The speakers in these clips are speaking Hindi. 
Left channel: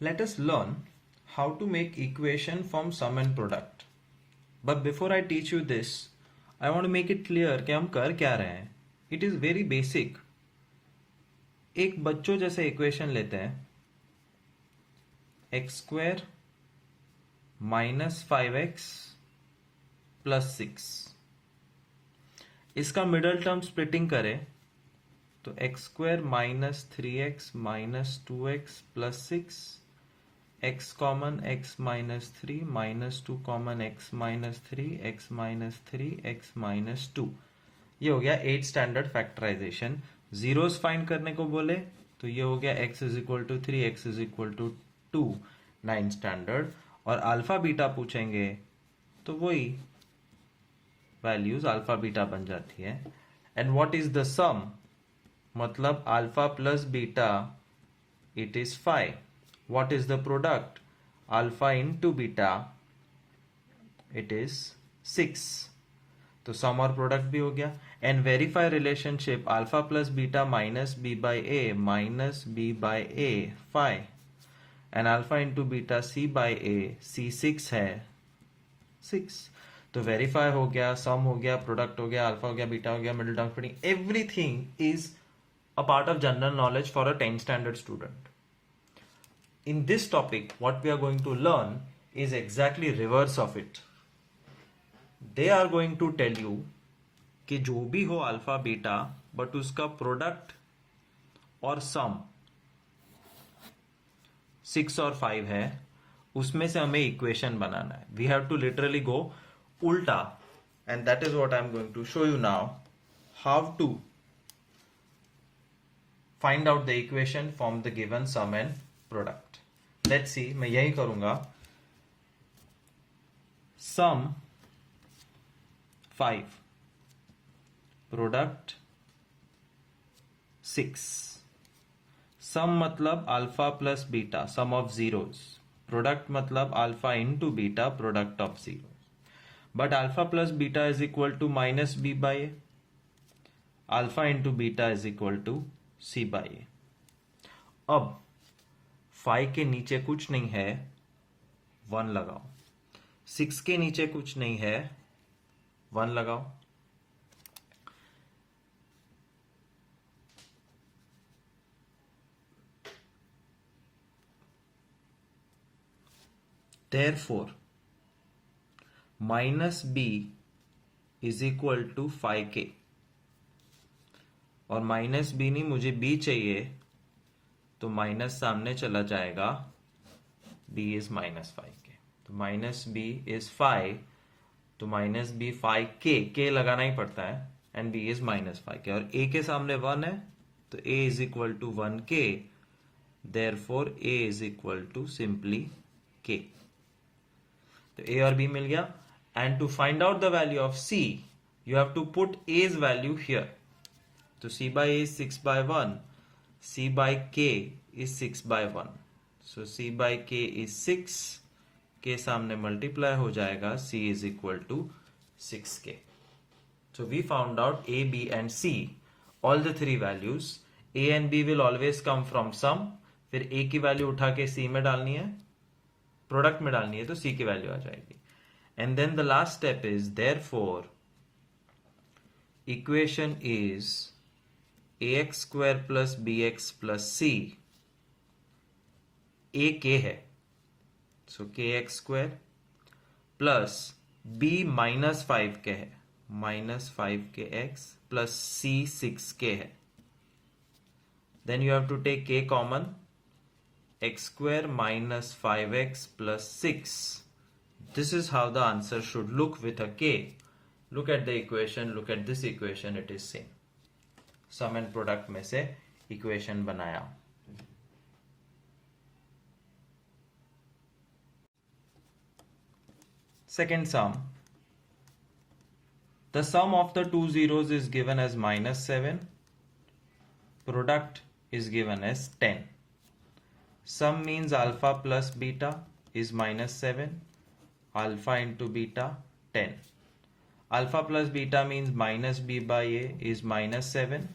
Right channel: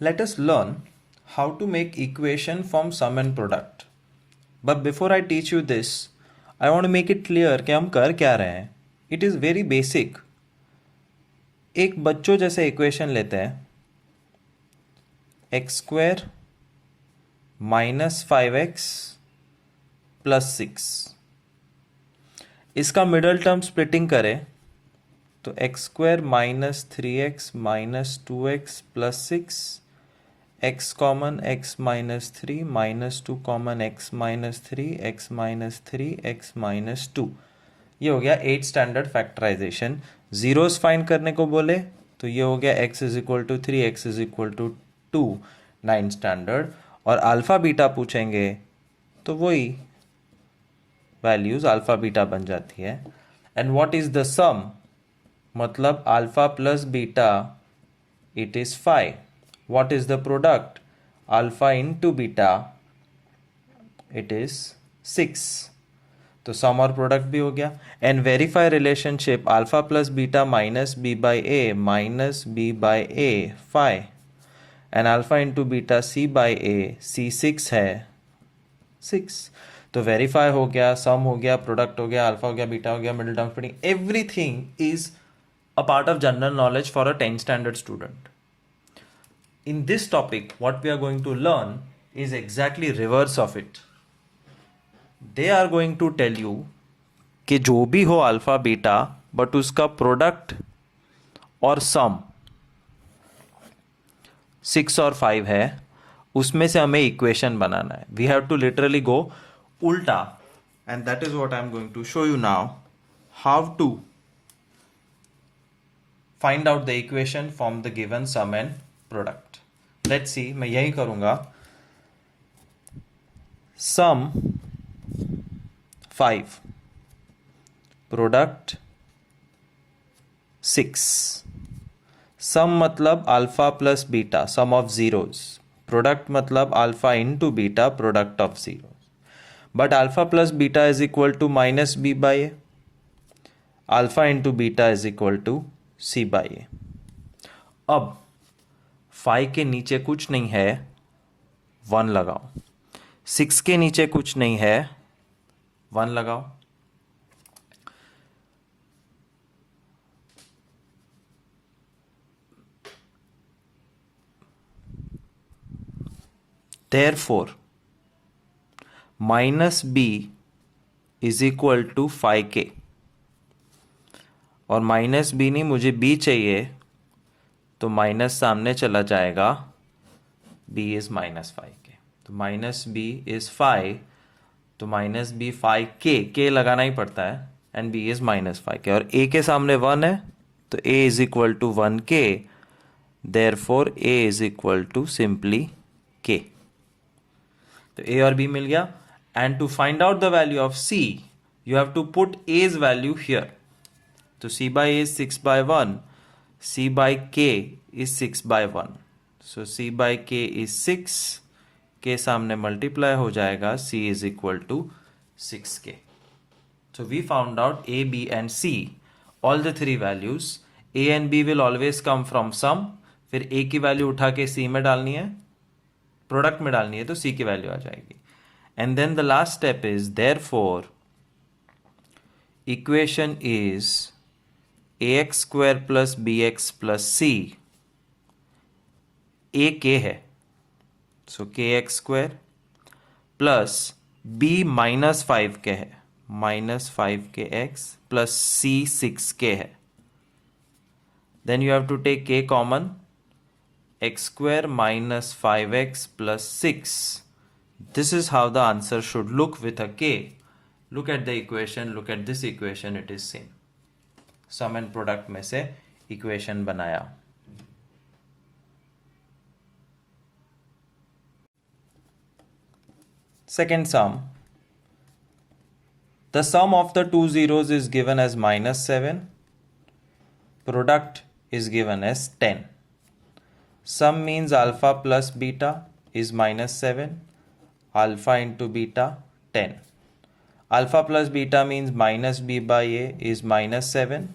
Let us learn how to make equation from sum and product. But before I teach you this, I want to make it clear कि हम कर क्या रहे हैं. It is very basic. एक बच्चों जैसे इक्वेशन लेते हैं x square minus 5x plus 6. इसका मिडल टर्म स्प्लिटिंग करें तो x square minus 3x minus 2x plus 6, x common x minus 3 minus 2 common x minus 3 x minus 3 x minus 2. ये हो गया 8 स्टैंडर्ड फैक्टराइजेशन. जीरोस फाइंड करने को बोले तो ये हो गया x is equal to 3 x is equal to 2 9 standard. और अल्फा बीटा पूछेंगे तो वही वैल्यूज अल्फा बीटा बन जाती है. And what is the sum, मतलब alpha plus beta it is 5. What is the product, alpha into beta it is 6. तो सम और प्रोडक्ट भी हो गया. And verify relationship alpha plus beta minus B by a minus B by A 5 and alpha into beta C by A C 6 है 6. तो वेरीफाई हो गया, सम हो गया, प्रोडक्ट हो गया, अल्फा हो गया, बीटा हो गया, middle term splitting, everything is a part of general knowledge for a 10th standard student. In this topic, what we are going to learn is exactly reverse of it. They are going to tell you कि जो भी हो अल्फा बीटा बट उसका प्रोडक्ट और सम 6 और 5 है, उसमें से हमें इक्वेशन बनाना है. We have to literally go उल्टा, and that is what I am going to show you now, how to find out the equation from the given sum and product. Let's see, मैं यही करूंगा. Sum 5, product 6. सम मतलब alpha plus beta sum of zeros, product मतलब alpha into beta product of zero. But alpha plus beta is equal to minus B by A, alpha into beta is equal to C by A. अब 5 के नीचे कुछ नहीं है, 1 लगाओ. 6 के नीचे कुछ नहीं है, 1 लगाओ. Therefore, minus B is equal to 5k. और माइनस बी नहीं, मुझे बी चाहिए, तो माइनस सामने चला जाएगा, b इज माइनस 5k. तो माइनस बी इज 5, तो माइनस बी 5k, k लगाना ही पड़ता है, and b is minus 5k. और a के सामने 1 है, तो a is equal to 1k. Therefore a is equal to simply k. तो a और b मिल गया. And to find out the value of c, you have to put a's value here. तो c by a is 6 by 1, c by k is 6 by 1. So c by k is 6, k सामने मल्टीप्लाई हो जाएगा, c is equal to 6k. So we found out a, b and c, all the three values. a and b will always come from sum. फिर a की वैल्यू उठा के c में डालनी है, प्रोडक्ट में डालनी है, तो c की वैल्यू आ जाएगी. And then the last step is, therefore equation is ax square plus B X plus C, A K है, so K X square plus B minus 5 K है, minus 5k x plus c 6k है. Then you have to take k common, x square minus 5x plus 6. This is how the answer should look with a k. Look at the equation, look at this equation, it is same. Sum and product में से इक्वेशन बनाया. Second sum, the sum of the two zeros is given as -7, product is given as 10. Sum means alpha plus beta is -7, alpha into beta 10. Alpha plus beta means minus B by a is -7,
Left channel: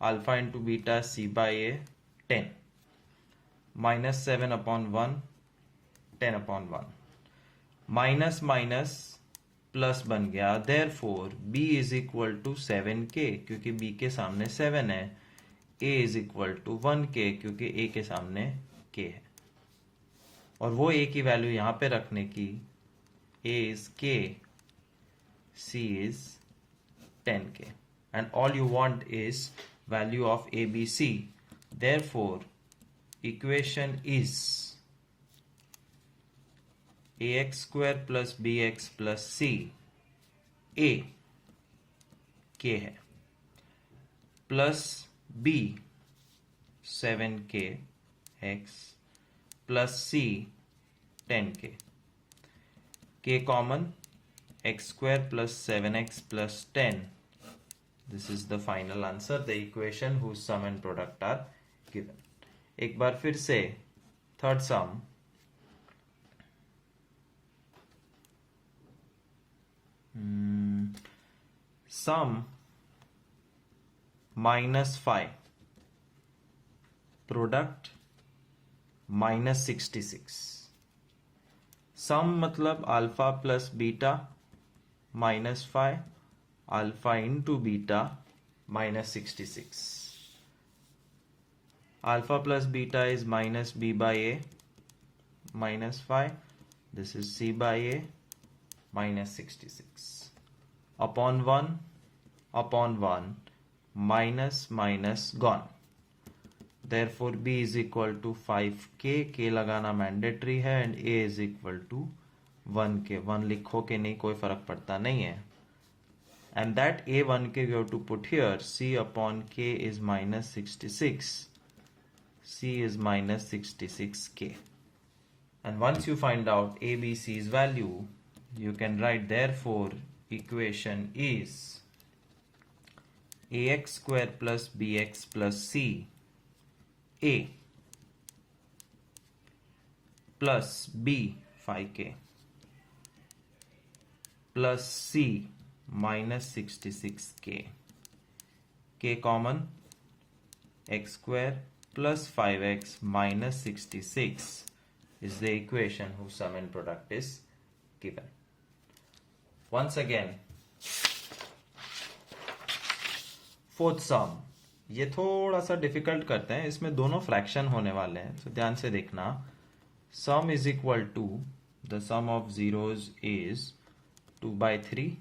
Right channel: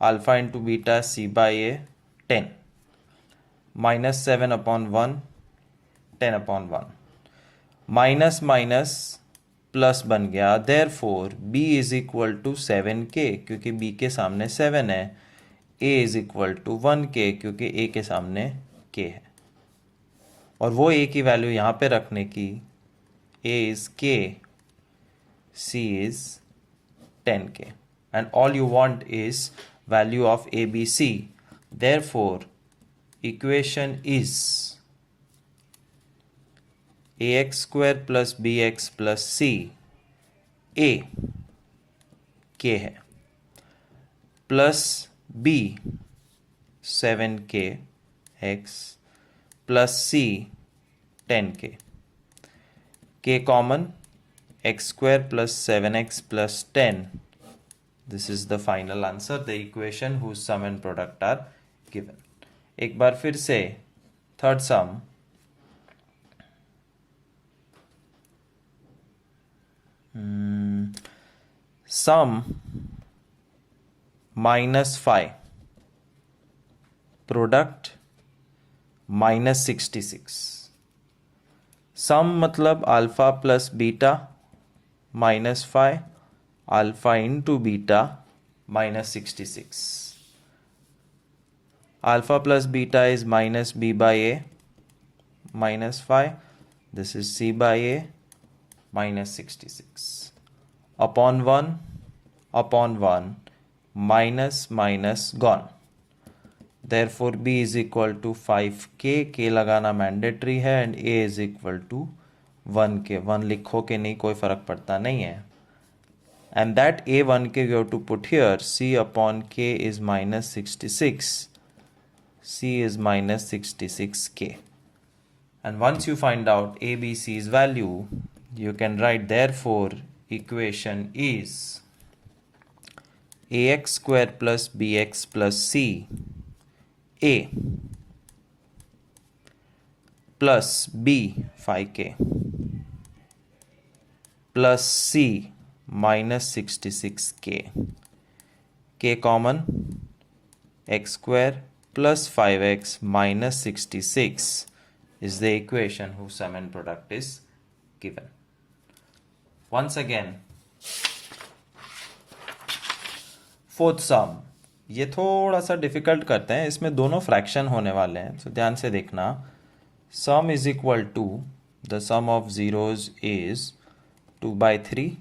alpha into beta c by a 10. -7/1, 10/1, minus minus plus बन गया, therefore b is equal to 7k क्योंकि b के सामने 7 है, a is equal to 1k क्योंकि a के सामने k है। और वो a की वैल्यू यहाँ पे रखने की, a is k, c is 10k, and all you want is value of ABC. Therefore, equation is ax square plus bx plus c, a k है, plus b 7k x plus c 10k, k common, x square plus 7x plus 10. This is the final answer, the equation whose sum and product are given. एक बार फिर से थर्ड सम, सम -5 प्रोडक्ट -66। सम मतलब alpha plus beta -5 alpha into beta -66। Alpha plus beta is minus b by a minus 5. This is c by a minus 66. Upon 1 minus minus gone. Therefore b is equal to 5k. k लगाना मैंडेटरी है and a is equal to 1k. 1 लिखो के नहीं, कोई फर्क पड़ता नहीं है. And that a 1k you have to put here. c upon k is minus 66. C is minus 66k. And once you find out ABC's value, you can write therefore equation is ax square plus bx plus c, a plus b 5k plus c minus 66k, k common, x square plus 5x minus 66 is the equation whose sum and product is given. Once again, fourth sum, ये थोड़ा सा डिफिकल्ट करते हैं, इसमें दोनों फ्रैक्शन होने वाले हैं, तो ध्यान से देखना. Sum is equal to the sum of zeros is 2/3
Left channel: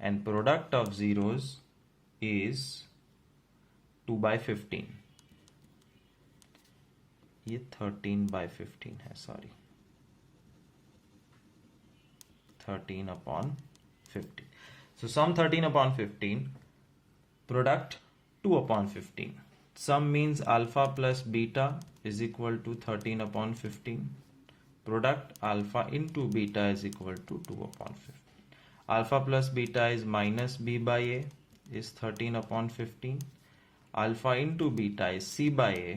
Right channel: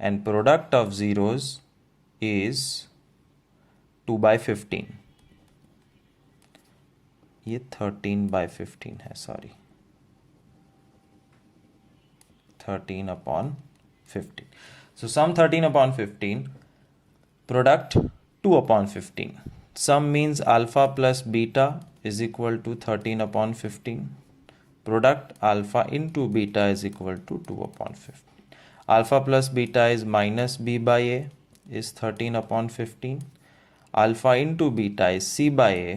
and product of zeros is 2/15. ये 13/15 है, sorry 13/15. So sum 13/15, product 2/15. Sum means alpha plus beta is equal to 13/15. Product alpha into beta is equal to 2/15. Alpha plus beta is minus b by a is 13/15. Alpha into beta is c by a,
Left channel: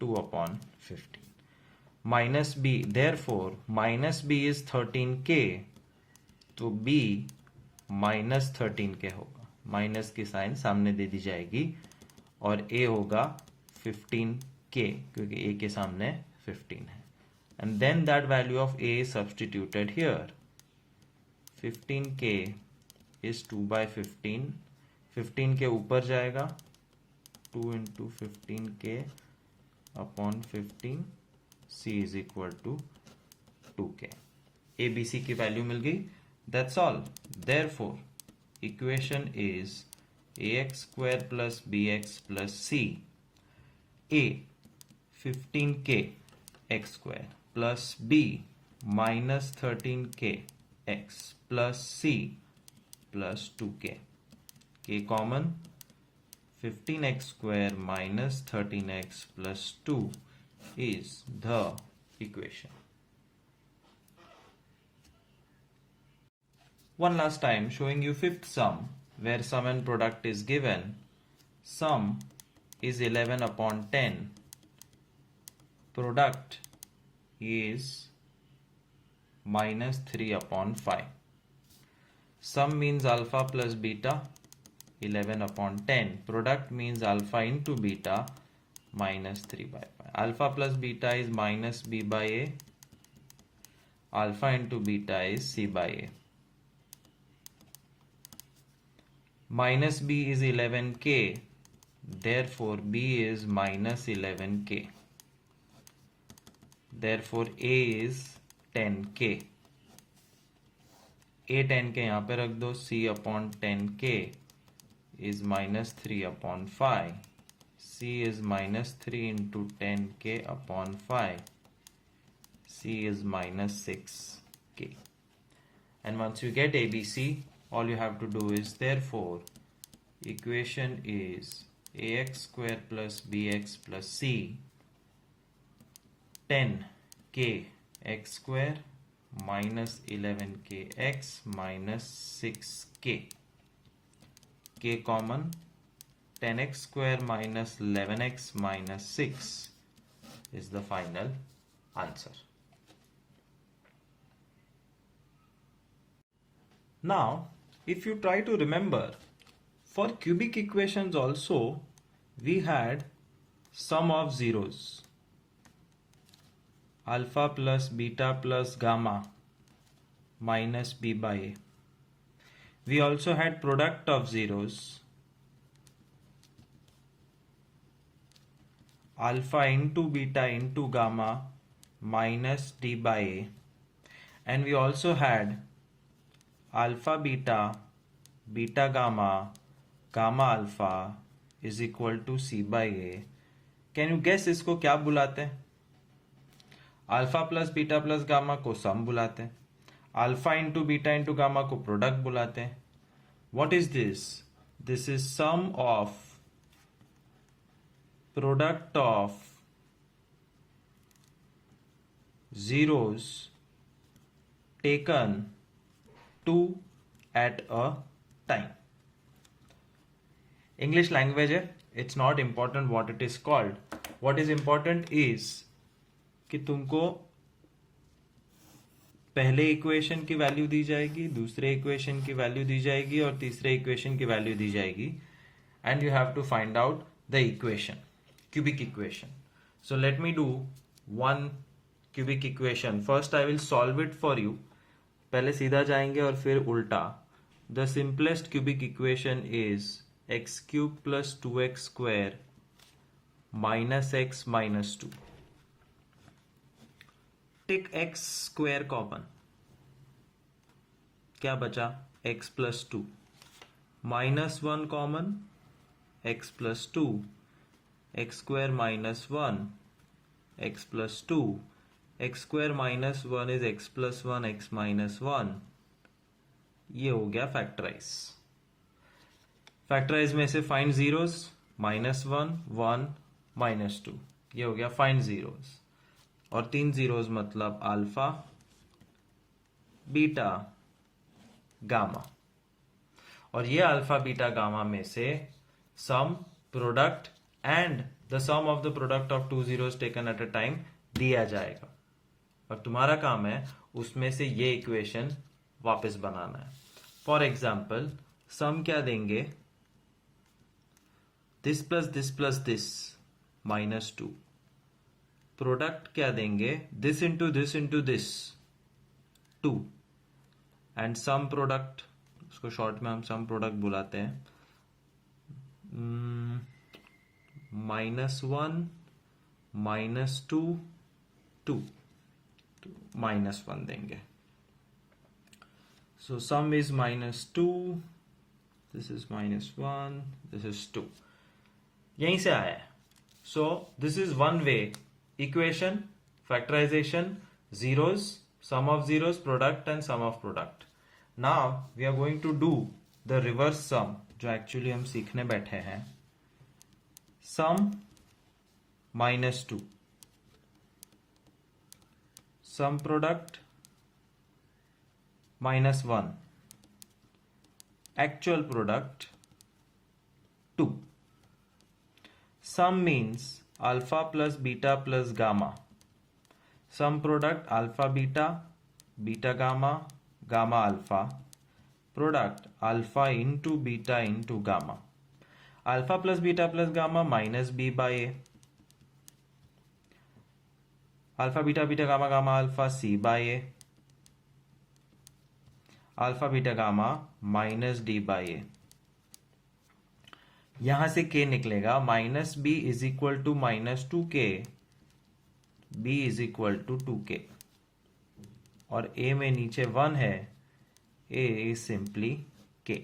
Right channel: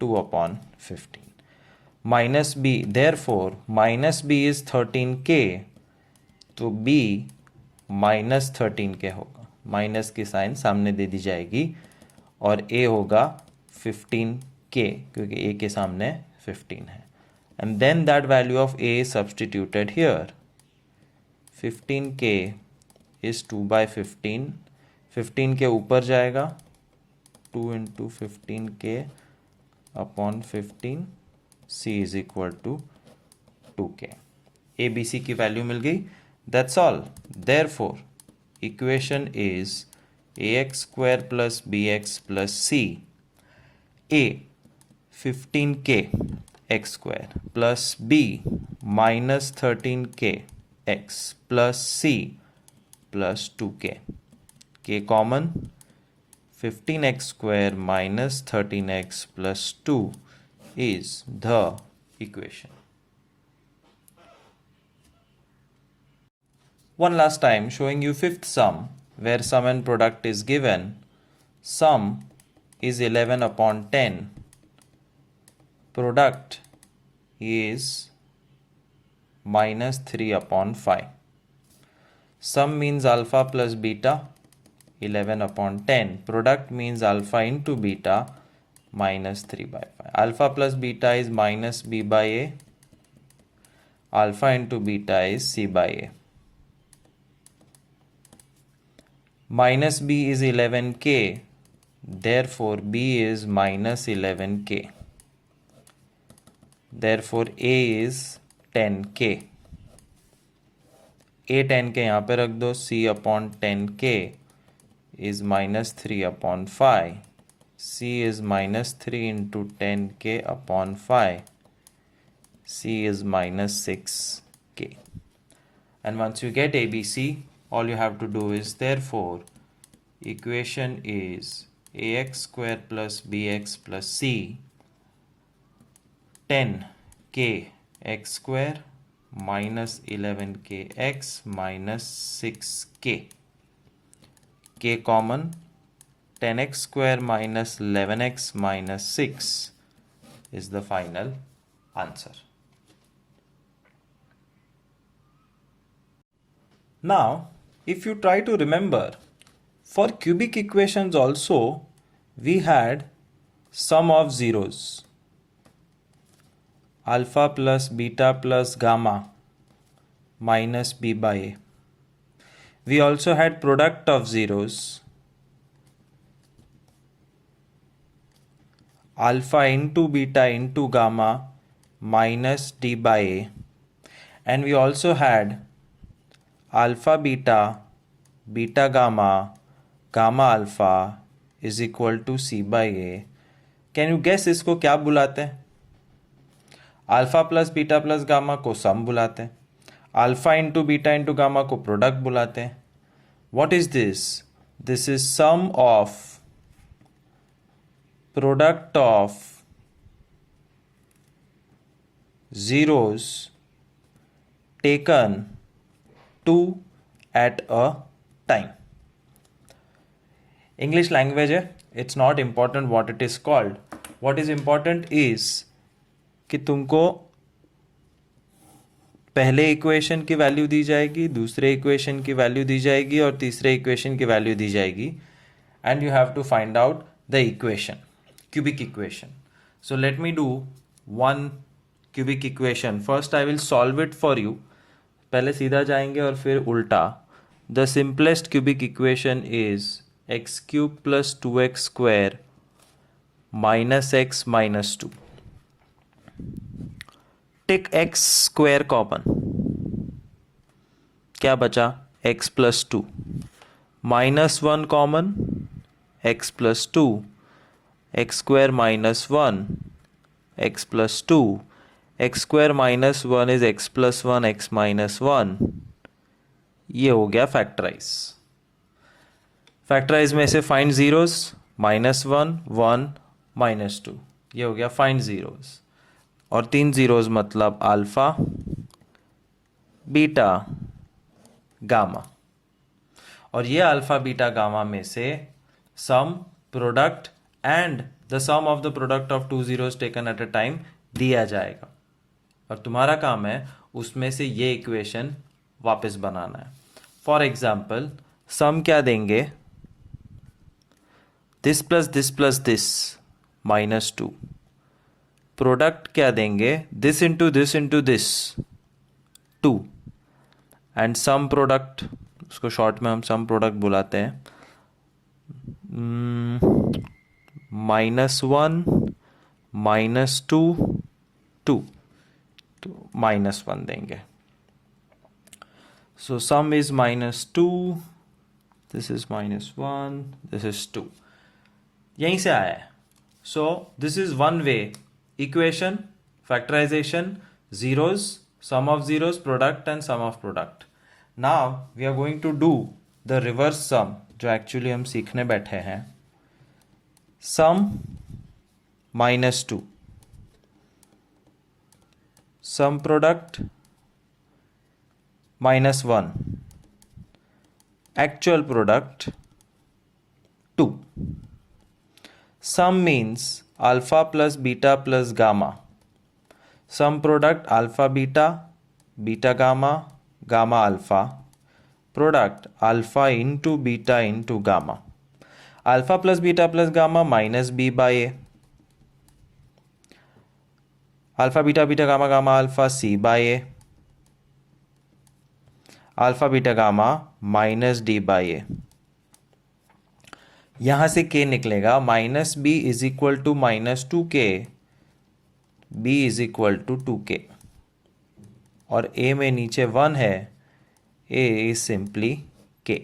2/15. Minus b, therefore minus b is 13k, तो b minus 13k होगा. माइनस की साइन सामने दे दी जाएगी और a होगा 15k क्योंकि a के सामने 15 है. And then that value of a is substituted here. 15k is 2/15. 15 के ऊपर जाएगा, 2 into 15k upon 15, c is equal to 2k. ABC की वैल्यू मिल गई. That's all. Therefore, equation is ax square plus bx plus c. A 15k x square plus b minus 13k x plus c plus 2k. k common, 15x square minus 13x plus 2 is the equation. One last time, showing you fifth sum where sum and product is given. Sum is 11/10. Product is minus 3/5. Sum means alpha plus beta, 11/10. Product means alpha into beta, minus 3 by 5. Alpha plus beta is minus b by a. Alpha into beta is c by a. Minus b is 11k. Therefore, b is minus 11k. Therefore, a is 10k. a 10k यहाँ पे रख दो. c upon 10k is minus 3 upon 5. c is minus 3 into 10k upon 5. c is minus 6k. And once you get ABC, all you have to do is, therefore, equation is ax square plus bx plus c 10k x square minus 11k x minus 6k. k common, 10x square minus 11x minus 6 is the final answer. Now, if you try to remember, for cubic equations also, we had sum of zeros. Alpha plus beta plus gamma minus b by a. We also had product of zeros. Alpha into beta into gamma minus d by a. And we also had alpha beta, beta gamma, gamma alpha is equal to c by a. Can you guess इसको क्या बुलाते हैं? Alpha plus beta plus gamma को सम बुलाते हैं. Alpha into beta into gamma को प्रोडक्ट बुलाते हैं. What is this? This is sum of product of zeros taken 2 at a time. English language है, it's not important what it is called. What is important is कि तुमको पहले इक्वेशन की वैल्यू दी जाएगी, दूसरे इक्वेशन की वैल्यू दी जाएगी और तीसरे इक्वेशन की वैल्यू दी जाएगी, and you have to find out the equation, cubic equation. So let me do one cubic equation. First I will solve it for you. पहले सीधा जाएंगे और फिर उल्टा. The simplest cubic equation is x cube plus 2x square minus x minus 2. Take x square common, क्या बचा? x plus 2. Minus 1 common, x plus 2. X square minus 1, x plus 2. X square minus 1 is x plus 1, x minus 1. ये हो गया फैक्टराइज. फैक्टराइज में से फाइंड जीरोस, माइनस 1, 1, माइनस 2. ये हो गया फाइंड जीरोस. और 3 जीरोस मतलब अल्फा, बीटा, गामा. और ये अल्फा बीटा गामा में से sum, product and the sum of the product of 2 zeros taken at a time दिया जाएगा. और तुम्हारा काम है उसमें से ये इक्वेशन वापस बनाना है. फॉर एग्जाम्पल, सम क्या देंगे? This plus this minus 2. Product क्या देंगे? This into this 2. And sum product, उसको शॉर्ट में हम सम प्रोडक्ट बुलाते हैं, -1 -2 2. तो -1 देंगे. So sum is -2, this is -1, this is 2. यहीं से आया है. So this is one way equation, factorization, zeros, sum of zeros, product and sum of product. Now we are going to do the reverse sum, जो actually हम सीखने बैठे हैं. Sum -2, sum product -1, actual product 2. Sum means alpha plus beta plus gamma. Sum product alpha beta, beta gamma, gamma alpha. Product alpha into beta into gamma. Alpha plus beta plus gamma minus b by a. Alpha beta beta gamma gamma alpha C by A, alpha beta gamma minus D by A. यहां से के निकलेगा minus B is equal to minus two K, B is equal to two K, और ए में नीचे वन है, A is simply K.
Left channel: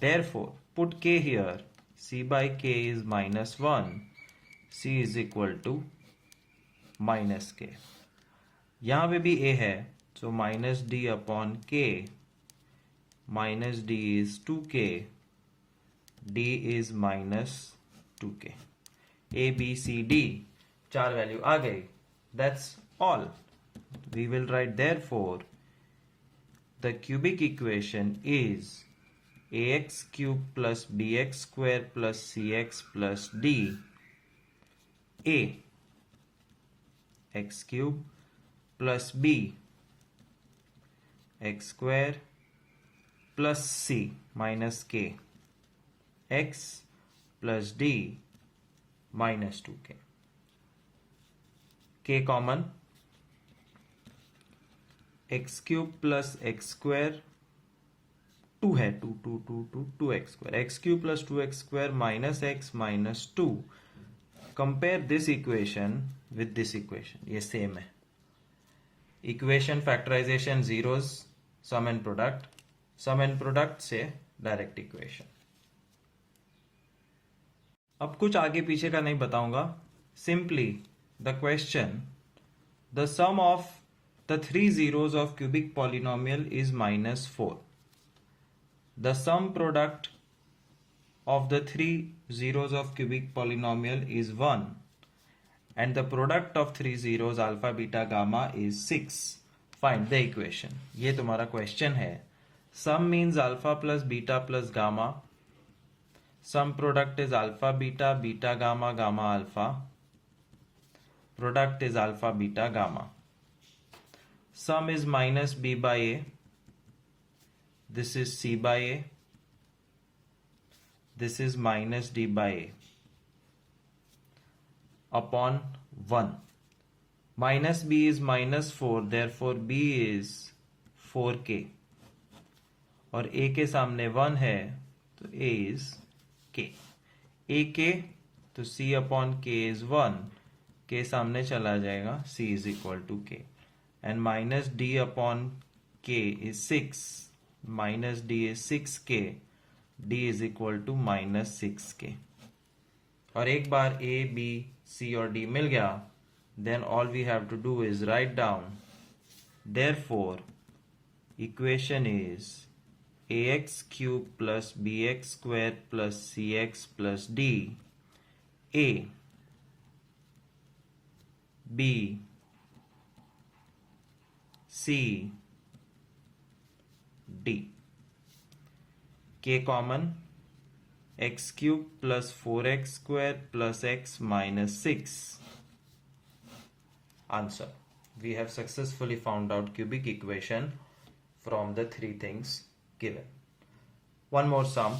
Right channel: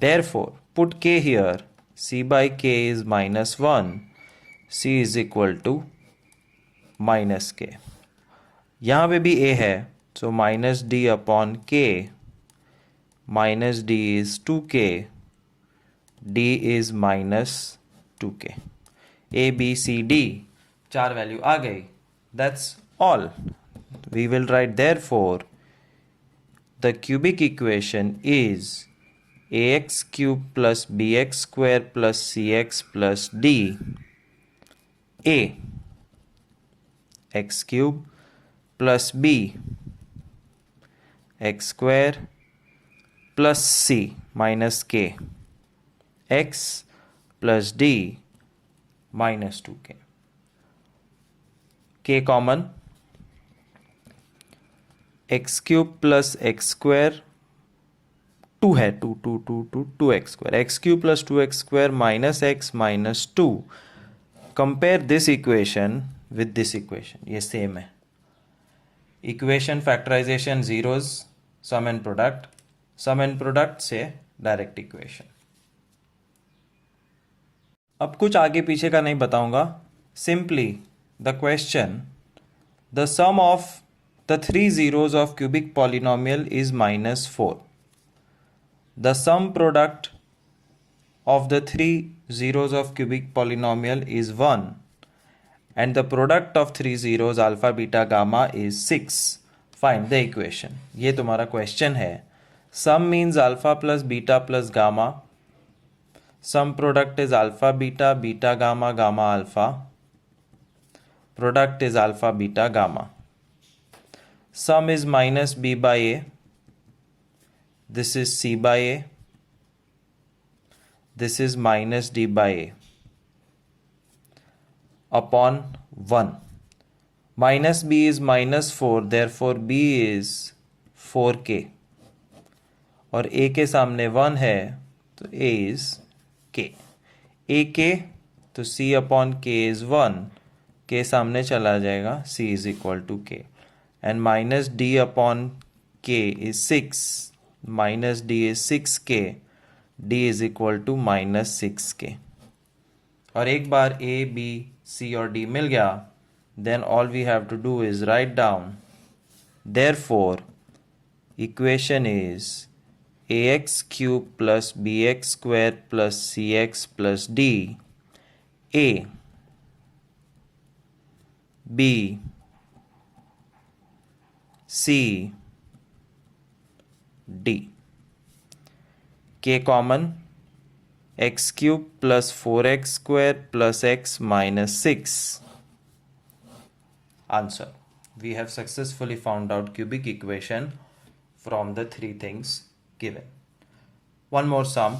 Therefore put K here, C by K is minus one, C is equal to minus K. यहाँ पे भी ए है, so minus d upon k, minus d is two k, d is minus two k. A b c d चार वैल्यू आ गई, that's all. We will write therefore the cubic equation is ax cube plus bx square plus cx plus d, a x cube plus b x square plus c minus k x plus d minus 2k, k common, x cube plus x square, two है, two two two two two X square, X cube plus two X square minus x minus two. Compare this equation with this equation, ये सेम है। Equation factorization zeros, sum and product, sum and product से डायरेक्ट इक्वेशन। अब कुछ आगे पीछे का नहीं बताऊंगा, simply the question, the sum of the three zeros of cubic polynomial is minus four. The sum product of the three zeros of cubic polynomial is 1 and the product of three zeros alpha beta gamma is 6. Find the equation. ये तुम्हारा question है। Sum means alpha plus beta plus gamma. Sum product is alpha beta, beta gamma, gamma alpha. Product is alpha beta gamma. Sum is minus b by a. This is c by a, this is minus d by a upon 1. Minus b is minus 4, therefore b is 4k, और a के सामने 1 है तो a is k, a k तो c upon k is 1, k सामने चला जाएगा, c is equal to k, and minus d upon k is 6, minus d is 6k, d is equal to minus 6k। और एक बार a, b, c और d मिल गया, then all we have to do is write down, therefore equation is ax cube plus bx square plus cx plus d, a, b, c, d, k common, x cube plus 4x square plus x minus 6. Answer. We have successfully found out cubic equation from the three things given. One more sum.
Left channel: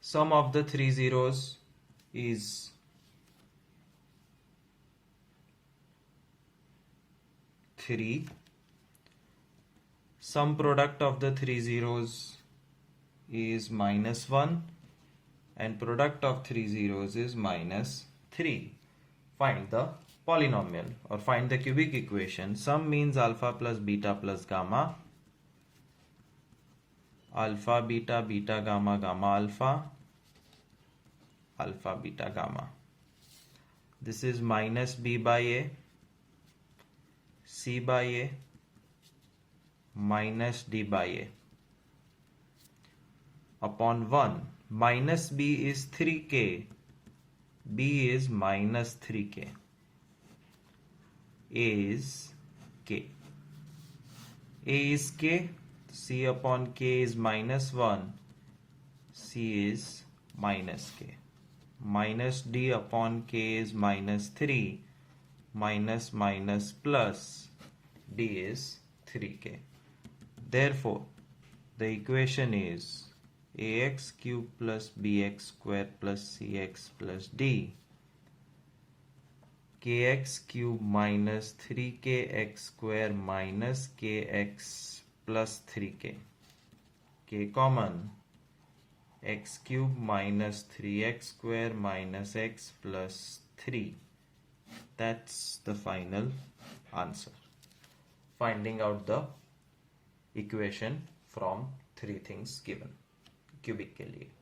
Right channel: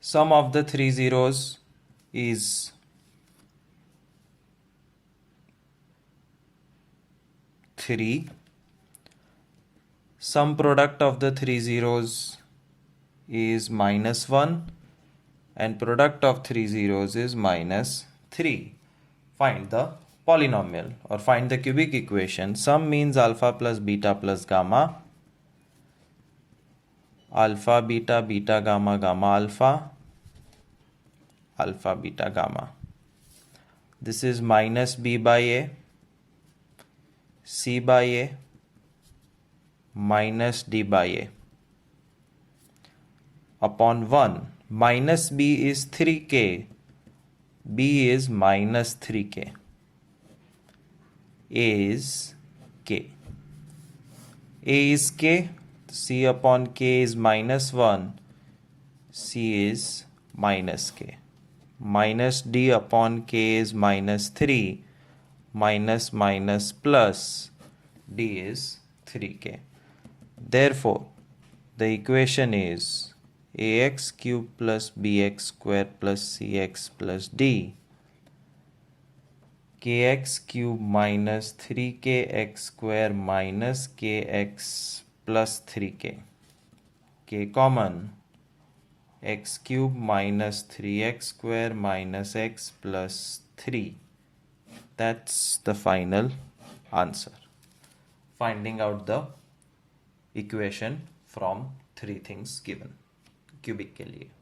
Sum of the three zeros is 3. Sum product of the three zeros is minus 1 and product of three zeros is minus 3. Find the polynomial or find the cubic equation. Sum means alpha plus beta plus gamma, alpha beta beta gamma gamma alpha, alpha beta gamma. This is minus b by a, c by a, minus d by a upon 1. Minus b is 3k, b is minus 3k, a is k, a is k, c upon k is minus 1, c is minus k, minus d upon k is minus 3, minus minus plus d is 3k. Therefore, the equation is ax cube plus bx square plus cx plus d, kx cube minus 3kx square minus kx plus 3k, k common, x cube minus 3x square minus x plus 3. That's the final answer. Finding out the equation from three things given cubic के लिए.